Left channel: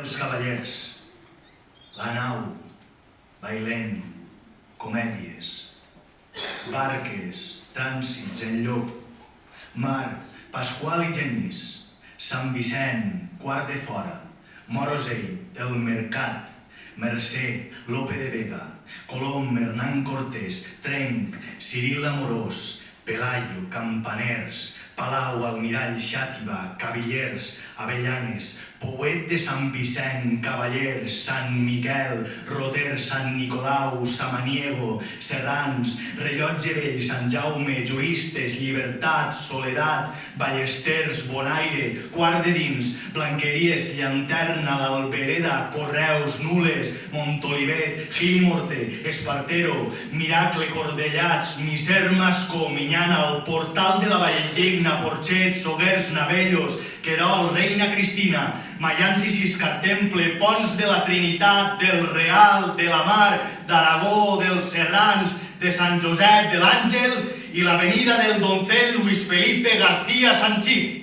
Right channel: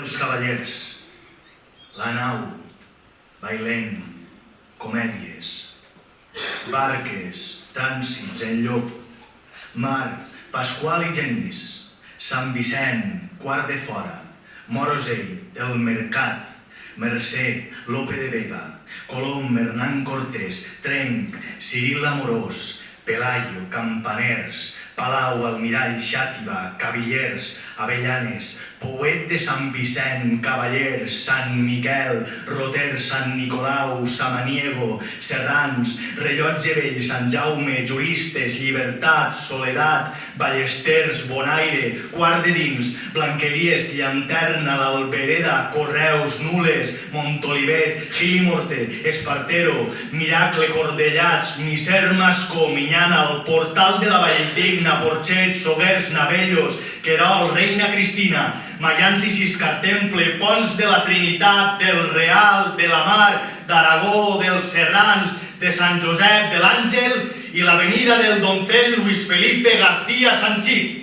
Els cavallers, la nau, bailent, comèdies, barques, trànsits en llop, mar, Pasqual i Genís, Sant Vicent, Quart de Fora, Morosell, El Mercat, Mercè, Lope de Vega, Colom, Hernán Cortés, Trenc, Ciril Amorós, Pelayo, Campaners, Palau, Almirall, Xàtiva, Cavillers, Avellanes, Pouet de Sant Vicent, Cavallers, Sant Miquel, Roter, Sant Nicolau, Samaniego, Serrans, Rellotge Vell, Sant Jaume, Juristes, Llibertat, Soledat, Ballesters, Bonaire, Quart de Dins, Blanqueries, Llanterna, l'Albereda, Correus, Nules, Montolivet, Gil i Morter, Espartero, Miracle, Cordellats, Miser, Mascó, Minyana, el Portal de la Valldigna, Porxet, Soguers, Navellos, Querol, Reina Cristina, Maians i Ciscartemple, Ponts de la Trinitat, del Real, de la Mar, d'Aragó, dels Serrans, de Sant Josep, de l'Àngel i l'avenida del Doncel Luis Felipe García Sanchís.